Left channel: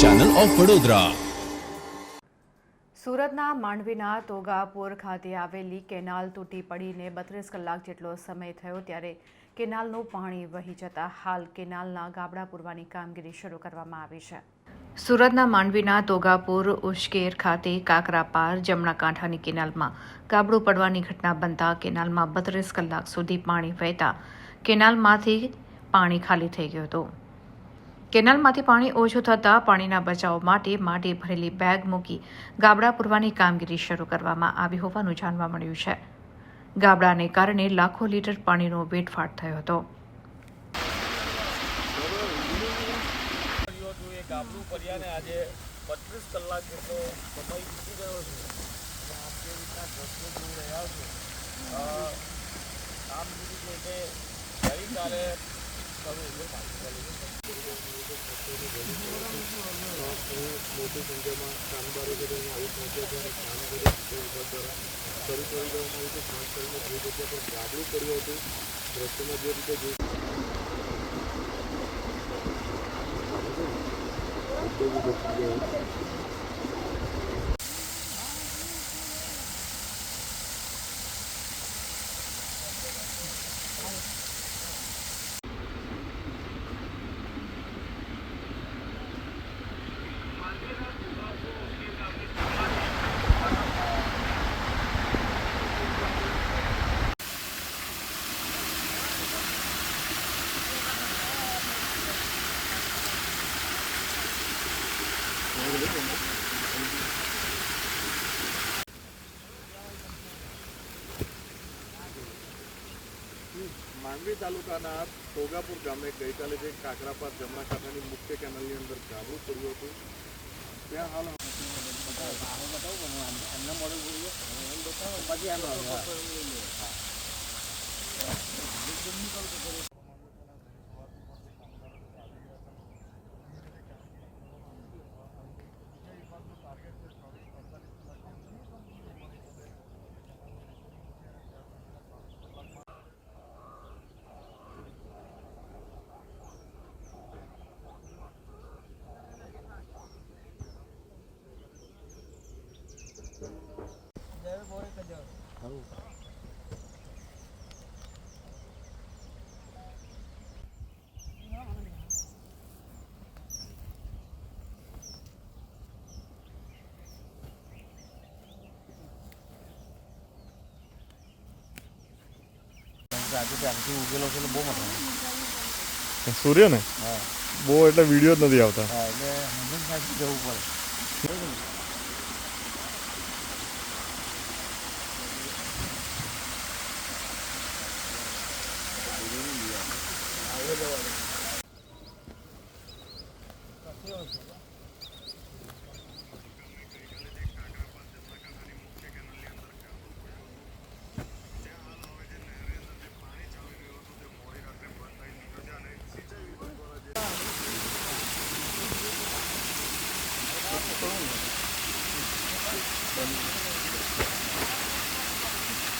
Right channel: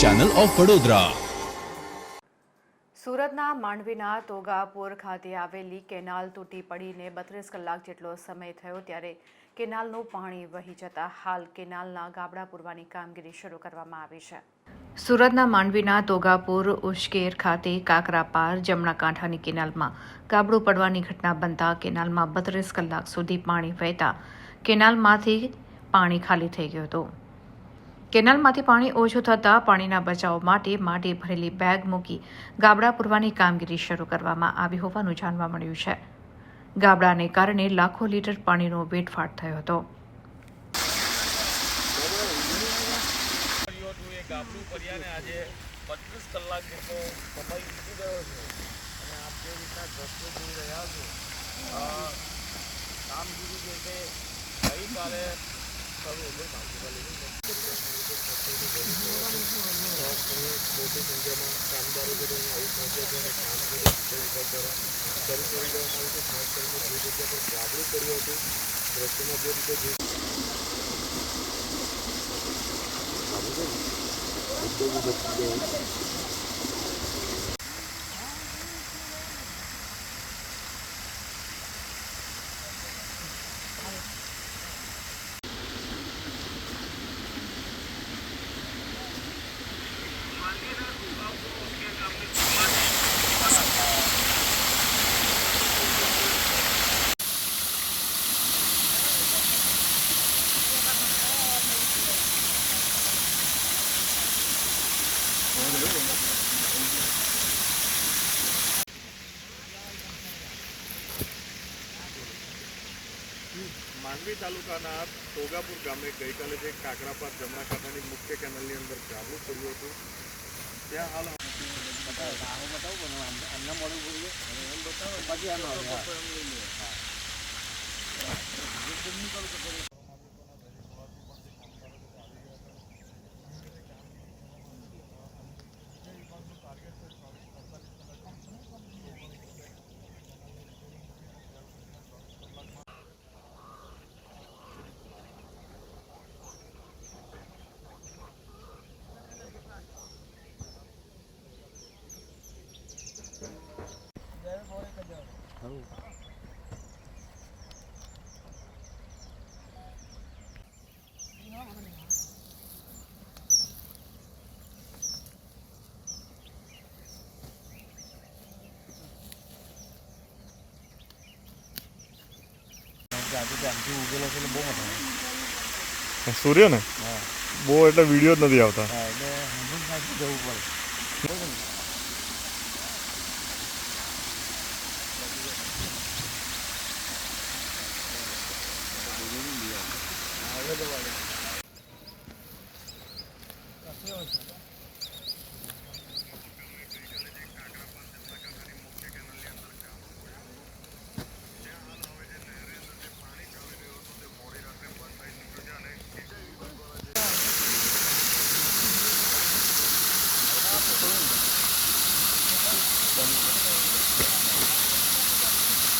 Channel of Vadodara. સુરતના માંડવીના તોગાપુર ખાતે આવેલી કેનાલ તૂટી પડીને 32 કલાક જેટલો સમય થયો ત્યારે કેનાલનું પાણી વહી જતા હાલ કેનાલના ગાબડા પૂરવાની કામગીરી શરૂ કરવામાં આવી છે। સુરતના માંડવીના તોગાપુર ઉશ્કેર ખાતે કાકરાપાર જમણા કાંઠાની કેનાલમાં ગાબડું પડવાની ઘટના બનતા કેનાલમાં 32 કલાક સુધી પાણી વહેતા કેનાલમાંથી પાણી ખાલી થઈ ગયું હતું। કેનાલમાંથી પાણી ઓછું થતાં પાણીના બચાવ માટે માટી ભરેલી બેગ મૂકી ગાબડા પૂરવાની કામગીરી શરૂ કરવામાં આવી હોવાનું જાણવા મળ્યું છે। ગાબડાને કારણે લાખો લીટર પાણીનો વેડફાટ થયો હતો। ગાબડું પર્યાને આજે 32 કલાક જેટલો પતાવી મૂકી ગયો છે અને આપણે રીતના જોઈ રહ્યા છો કામગીરી જે છે ગઈકાલે મોટી સંખ્યામાં કામદારો કરી દેવામાં આવી છે, ખાસ કરીને જે જગ્યા પર ગાબડું પડ્યું હતું દ્રશ્યમાં જે રીતે માંડવી તાલુકાના તોગાપુર ગામે ગઈકાલે જે કાકરાપાર જમણા કાંઠાની મુખ્ય કેનાલની અંદર ગાબડું પડ્યું હતું ત્યાં હાલ બતાવું એમના મોડે બોલીએ પછી આમ ઉગેલો છે એટલે બહુ મોટો સૂર્ય ને બહુ એટલે વિડીયો જ નથી આવતા એટલે જવું પડે।